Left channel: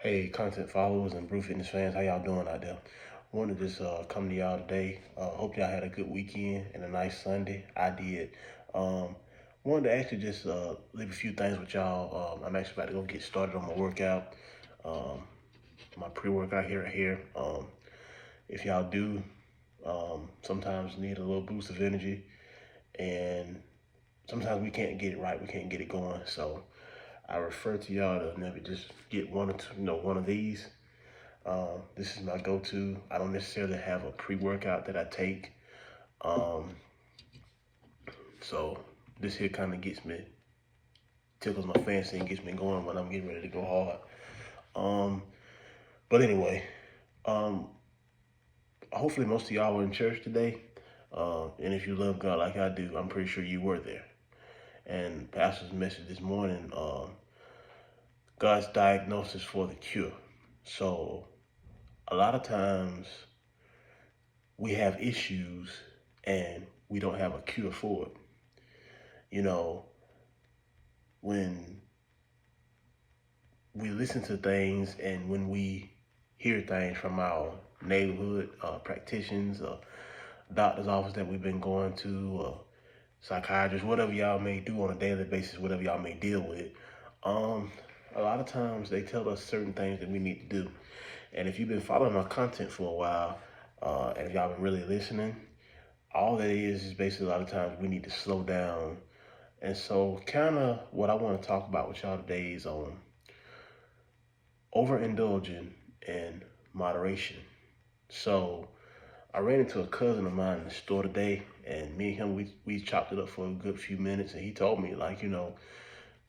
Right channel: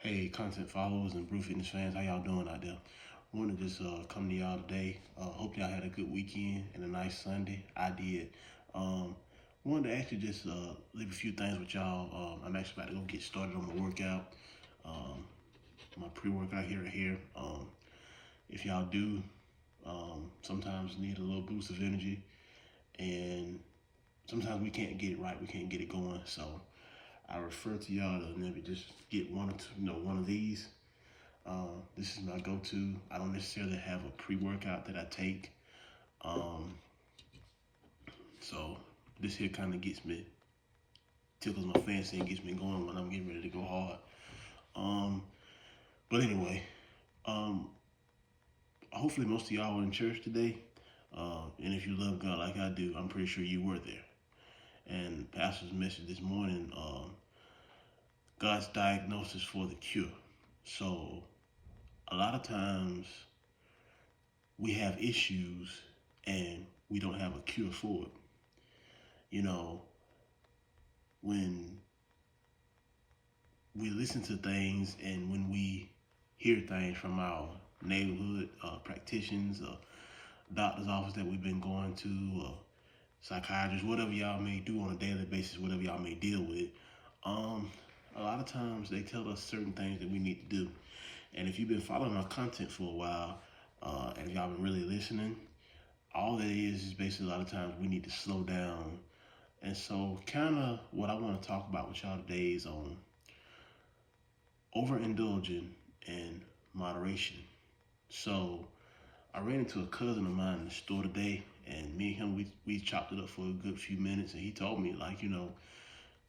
Hey, content followers and Brew Fitness fans, how y'all doing out there? Wanted to just come to y'all today. Hope y'all had a good weekend and a nice Sunday. I did. Um, Wanted to actually just leave a few things with y'all. I'm actually about to go get started on my workout, um, my pre-workout here right here. If y'all do sometimes need a little boost of energy, and sometimes we can't get it right, we can't get it going. So I refer to y'all to maybe just get one or two, one of these. This is my go-to. I don't necessarily have a pre-workout that I take. Um, so this here kind of gets me, tickles my fancy and gets me going when I'm getting ready to go hard. Um, but anyway, um, hopefully most of y'all were in church today. And if you love God like I do, I'm pretty sure you were there. And Pastor's message this morning, God's diagnosis for the cure. So a lot of times we have issues and we don't have a cure for it. You know, when we listen to things and when we hear things from our neighborhood practitioners, doctor's office that we've been going to, psychiatrists, whatever y'all may do on a daily basis, whatever y'all may deal with, um, a lot of times they tell us certain things that we need to do. And if you've been following my content for a while, and if y'all been really listening, all that is basically a lot of times we need to slow down. And so kind of what I want to talk about with y'all today is on overindulging and moderation. So I ran into a cousin of mine in the store today, and me and him, we chopped it up for a good few minutes, and he told me, like,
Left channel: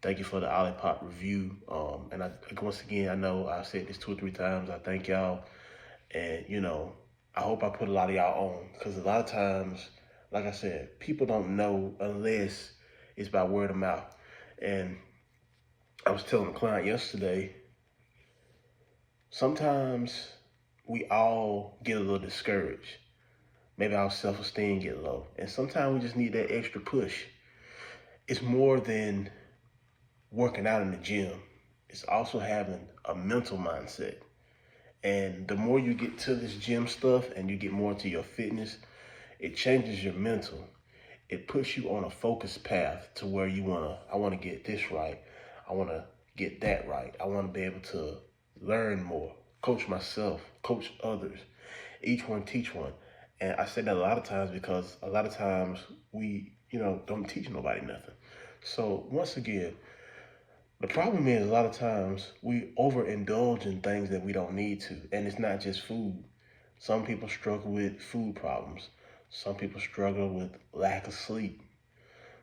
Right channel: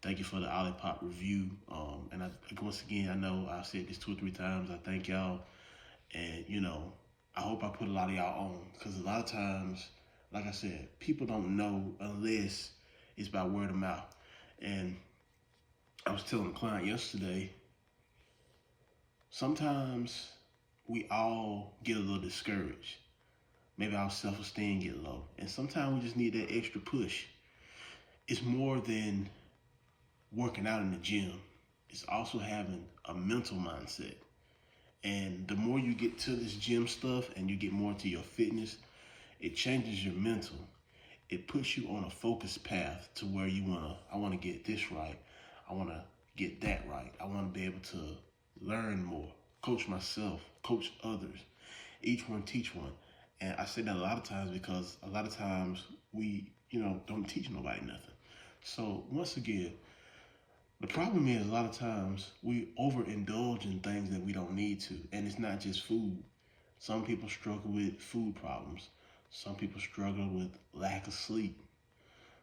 thank you for the Olipop review. And once again, I know I've said this 2 or 3 times. I thank y'all, and I hope I put a lot of y'all on, because a lot of times, like I said, people don't know unless it's by word of mouth. And I was telling a client yesterday, sometimes we all get a little discouraged. Maybe our self-esteem get low. And sometimes we just need that extra push. It's more than working out in the gym. It's also having a mental mindset. And the more you get to this gym stuff and you get more into your fitness, it changes your mental. It puts you on a focused path to where I want to get this right. I want to get that right. I want to be able to learn more, coach myself, coach others, each one teach one. And I say that a lot of times because a lot of times we, don't teach nobody nothing. So once again, the problem is a lot of times we overindulge in things that we don't need to. And it's not just food. Some people struggle with food problems. Some people struggle with lack of sleep.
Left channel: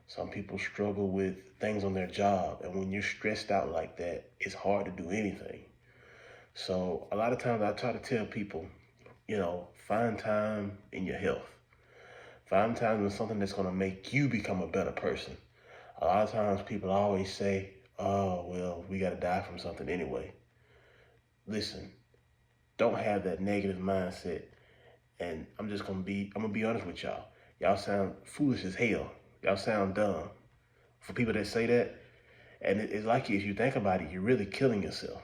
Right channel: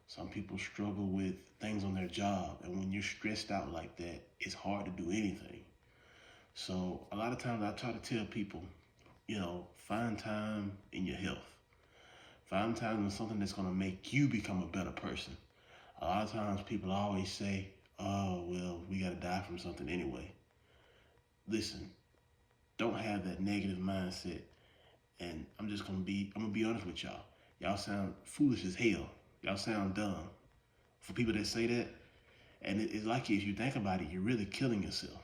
Some people struggle with things on their job. And when you're stressed out like that, it's hard to do anything. So a lot of times I try to tell people, find time in your health. Find time in something that's going to make you become a better person. A lot of times people always say, oh, well, we got to die from something anyway. Listen, don't have that negative mindset. And I'm going to be honest with y'all. Y'all sound foolish as hell. Y'all sound dumb. For people that say that, and it's like if you think about it, you're really killing yourself.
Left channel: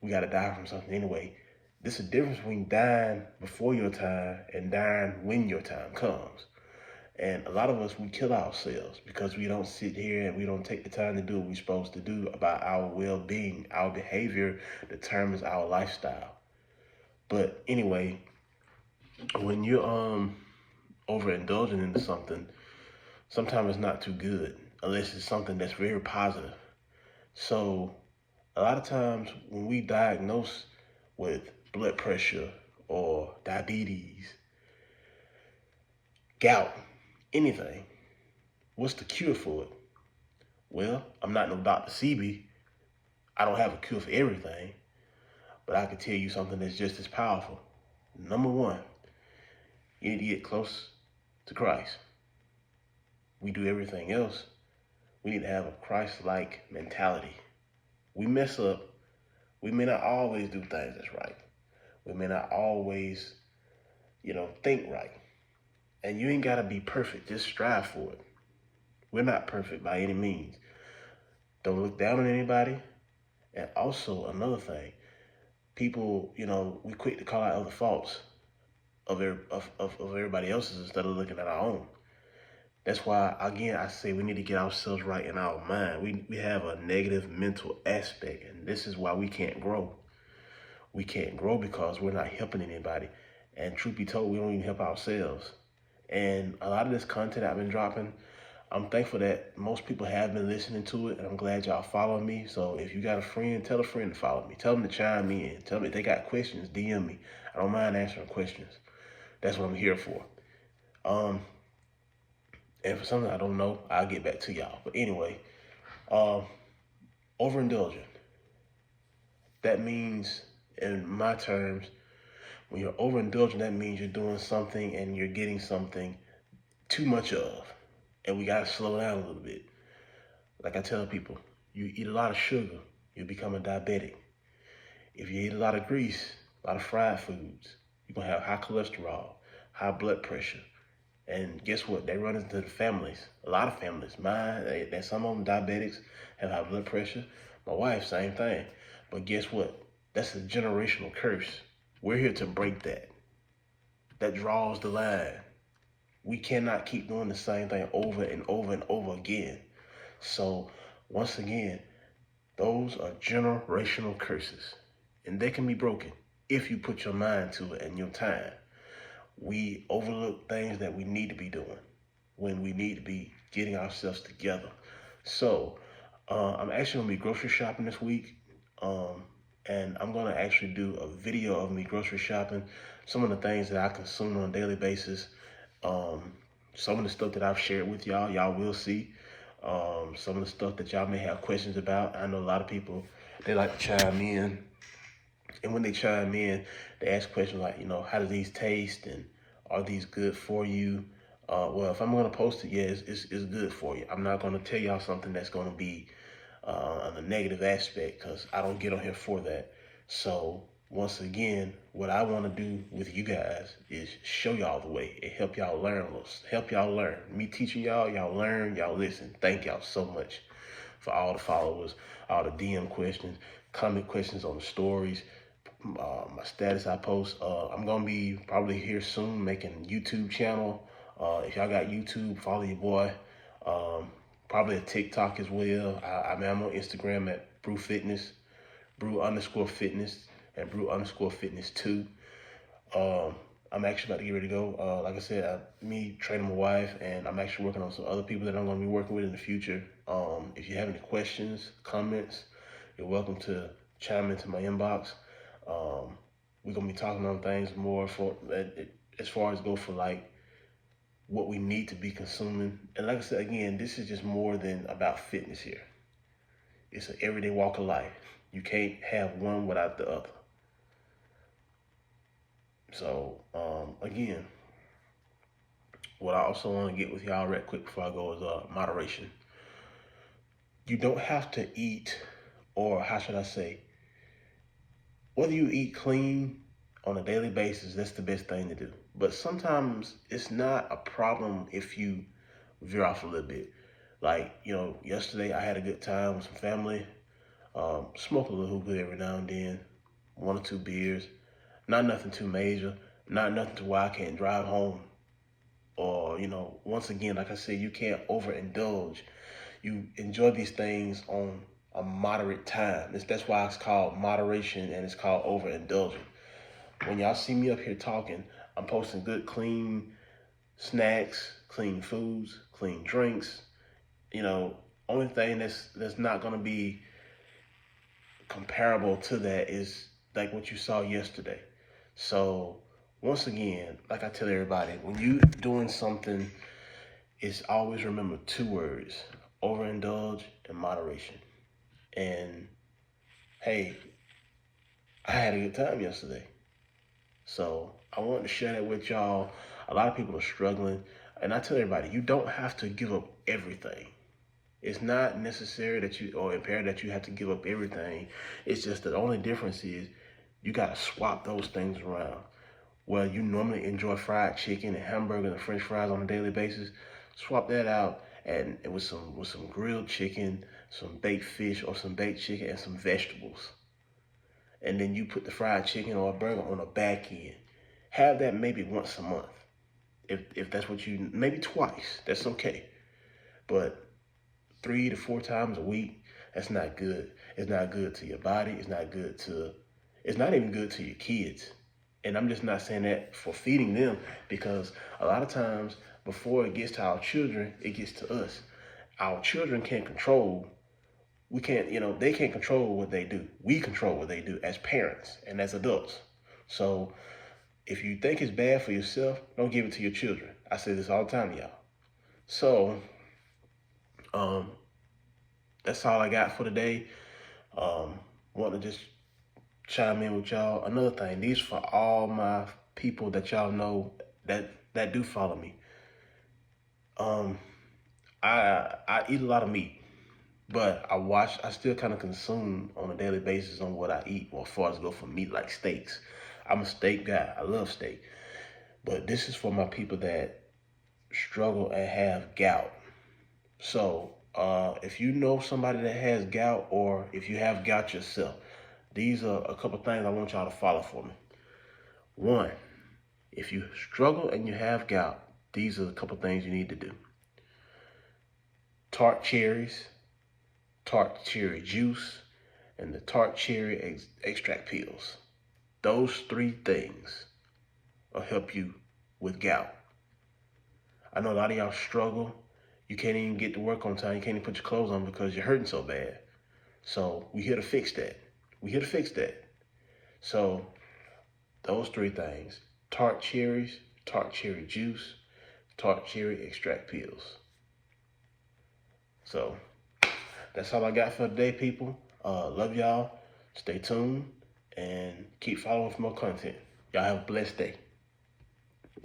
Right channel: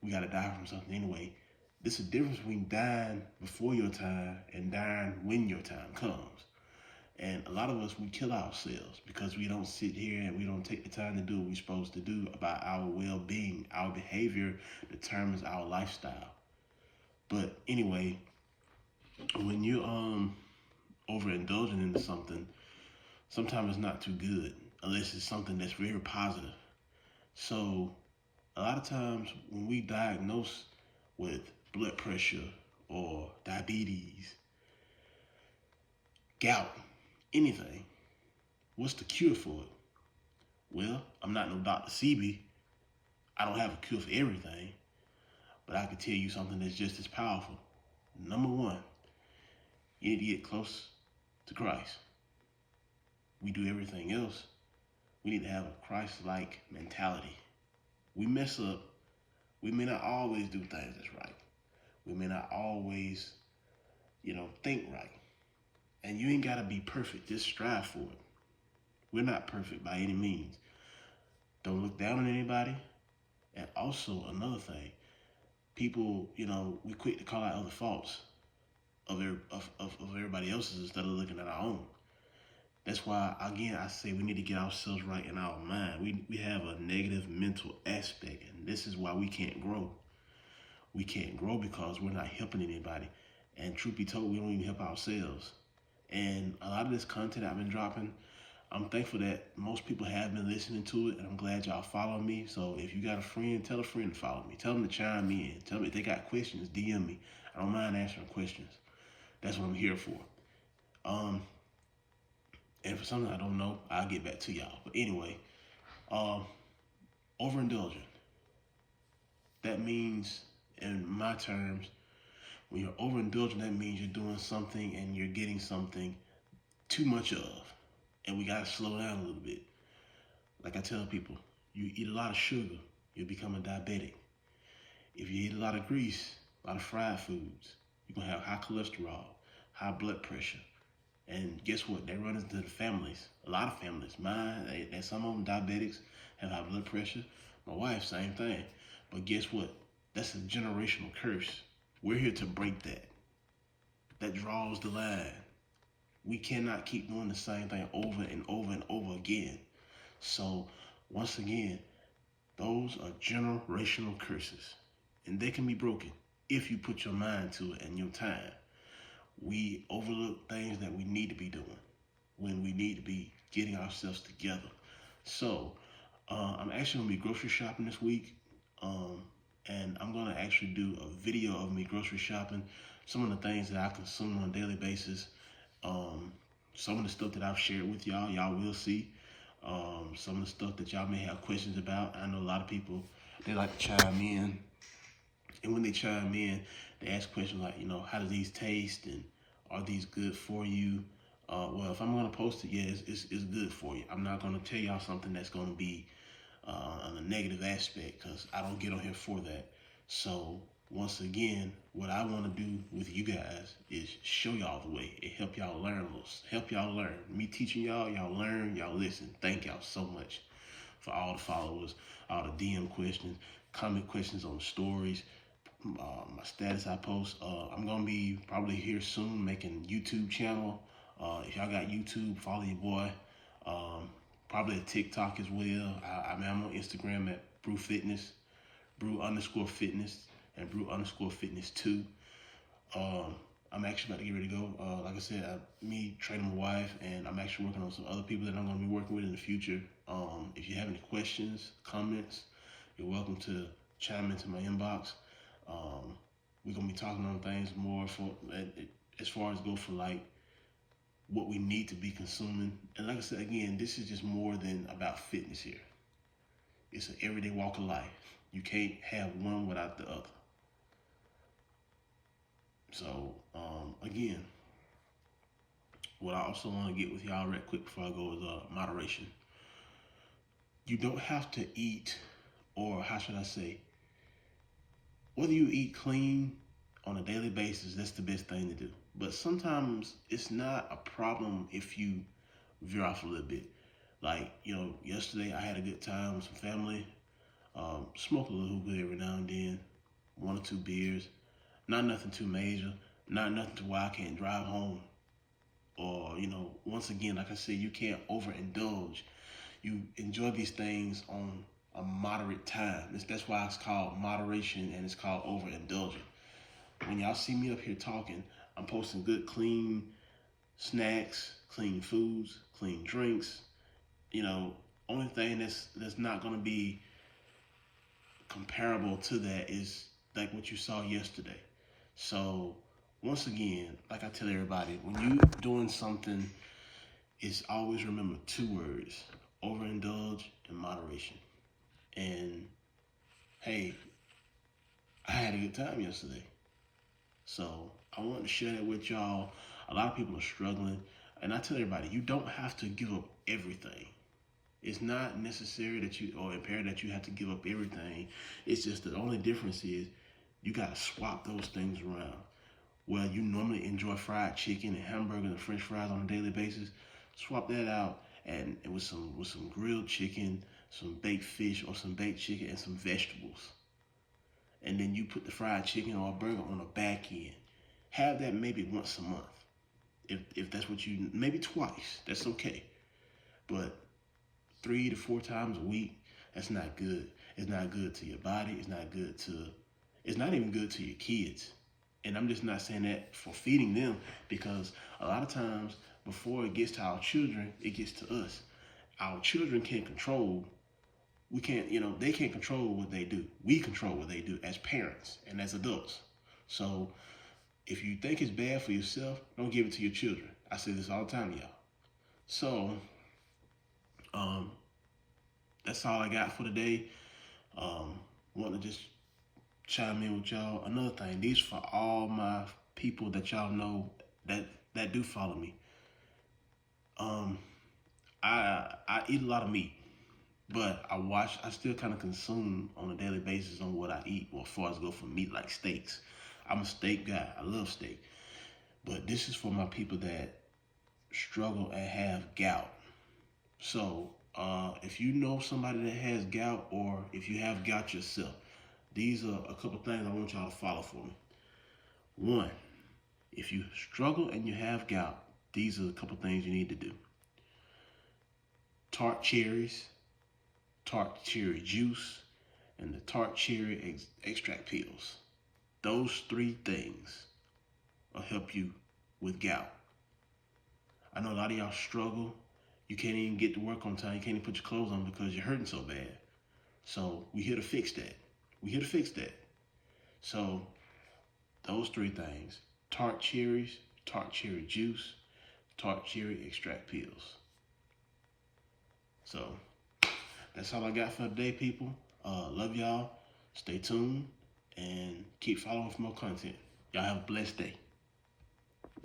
We got to die from something anyway. There's a difference between dying before your time and dying when your time comes. And a lot of us, we kill ourselves because we don't sit here and we don't take the time to do what we're supposed to do about our well-being. Our behavior determines our lifestyle. But anyway, when you're overindulging into something, sometimes it's not too good unless it's something that's very positive. So a lot of times when we diagnose with blood pressure or diabetes, gout, anything, what's the cure for it? Well, I'm not no Dr. Sebi. I don't have a cure for everything, but I can tell you something that's just as powerful. Number one, you need to get close to Christ. We do everything else. We need to have a Christ-like mentality. We mess up. We may not always do things that's right. We may not always, think right. And you ain't got to be perfect. Just strive for it. We're not perfect by any means. Don't look down on anybody. And also another thing, people, we quick to call out other faults of everybody else's instead of looking at our own. That's why, again, I say we need to get ourselves right in our mind. We have a negative mental aspect, and this is why we can't grow. We can't grow because we're not helping anybody. And truth be told, we don't even help ourselves. And a lot of this content I've been dropping, I'm thankful that most people have been listening to it, and I'm glad y'all follow me. So if you got a friend, tell a friend to follow me. Tell them to chime in. Tell them if they got questions, DM me. I don't mind answering questions. That's what I'm here for. And for something I don't know, I'll get back to y'all. But anyway, um, overindulging. That means, in my terms, when you're overindulging, that means you're doing something and you're getting something too much of. And we gotta slow down a little bit. Like I tell people, you eat a lot of sugar, you become a diabetic. If you eat a lot of grease, a lot of fried foods, you're gonna have high cholesterol, high blood pressure. And guess what? They run into the families. A lot of families. Mine, some of them diabetics have high blood pressure. My wife, same thing. But guess what? That's a generational curse. We're here to break that. That draws the line. We cannot keep doing the same thing over and over and over again. So, once again, those are generational curses. And they can be broken if you put your mind to it and your time. We overlook things that we need to be doing when we need to be getting ourselves together. So I'm actually gonna be grocery shopping this week, and I'm gonna actually do a video of me grocery shopping, some of the things that I consume on a daily basis, some of the stuff that I've shared with y'all, y'all will see. Some of the stuff that y'all may have questions about. I know a lot of people, they like to chime in. And when they chime in, they ask questions like, how do these taste, and are these good for you? Well, if I'm going to post it, yeah, it's good for you. I'm not going to tell y'all something that's going to be on the negative aspect, because I don't get on here for that. So once again, what I want to do with you guys is show y'all the way and help y'all learn. Help y'all learn. Me teaching y'all, y'all learn, y'all listen. Thank y'all so much for all the followers, all the DM questions, comment questions on the stories, my status I post. I'm gonna be probably here soon making YouTube channel. If y'all got YouTube, follow your boy. Probably a TikTok as well. I'm on Instagram at Brew Fitness, Brew_Fitness, and Brew_Fitness 2. I'm actually about to get ready to go. Like I said, me training my wife, and I'm actually working on some other people that I'm going to be working with in the future. If you have any questions, comments, you're welcome to chime into my inbox. We're going to be talking on things more as far as go for like what we need to be consuming. And like I said, again, this is just more than about fitness here. It's an everyday walk of life. You can't have one without the other. So, again, what I also want to get with y'all right quick before I go is moderation. You don't have to eat, or how should I say, whether you eat clean on a daily basis, that's the best thing to do. But sometimes it's not a problem if you veer off a little bit. Like, yesterday I had a good time with some family, smoke a little hookah every now and then, 1 or 2 beers. Not nothing too major, not nothing to where I can't drive home. Or, once again, like I said, you can't overindulge. You enjoy these things on a moderate time. That's why it's called moderation, and it's called overindulging. When y'all see me up here talking, I'm posting good, clean snacks, clean foods, clean drinks. Only thing that's not gonna be comparable to that is like what you saw yesterday. So once again, like I tell everybody, when you doing something, it's always remember 2 words: overindulge and moderation. And hey, I had a good time yesterday. So I wanted to share that with y'all. A lot of people are struggling. And I tell everybody, you don't have to give up everything. It's not necessary that or imperative that you have to give up everything. It's just that the only difference is you got to swap those things around. Well, you normally enjoy fried chicken and hamburgers and French fries on a daily basis. Swap that out and with some grilled chicken, some baked fish or some baked chicken and some vegetables. And then you put the fried chicken or a burger on the back end. Have that maybe once a month. If that's what you, maybe twice, that's okay. But 3 to 4 times a week, that's not good. It's not good to your body. It's not even good to your kids. And I'm just not saying that for feeding them, because a lot of times before it gets to our children, it gets to us. Our children can't control, they can't control what they do. We control what they do as parents and as adults. So if you think it's bad for yourself, don't give it to your children. I say this all the time, y'all. So, that's all I got for today. Want to just chime in with y'all. Another thing, these for all my people that y'all know that do follow me. I eat a lot of meat, but I still kind of consume on a daily basis on what I eat. Well, as far as go for meat, like steaks. I'm a steak guy. I love steak. But this is for my people that struggle and have gout. So if you know somebody that has gout, or if you have gout yourself, these are a couple things I want y'all to follow for me. One, if you struggle and you have gout, these are a couple things you need to do. Tart cherries, tart cherry juice, and the tart cherry extract pills. Those 3 things will help you with gout. I know a lot of y'all struggle. You can't even get to work on time. You can't even put your clothes on because you're hurting so bad. So we're here to fix that. So those 3 things: tart cherries, tart cherry juice, tart cherry extract pills. So that's all I got for today, people. Love y'all. Stay tuned and keep following for more content. Y'all have a blessed day.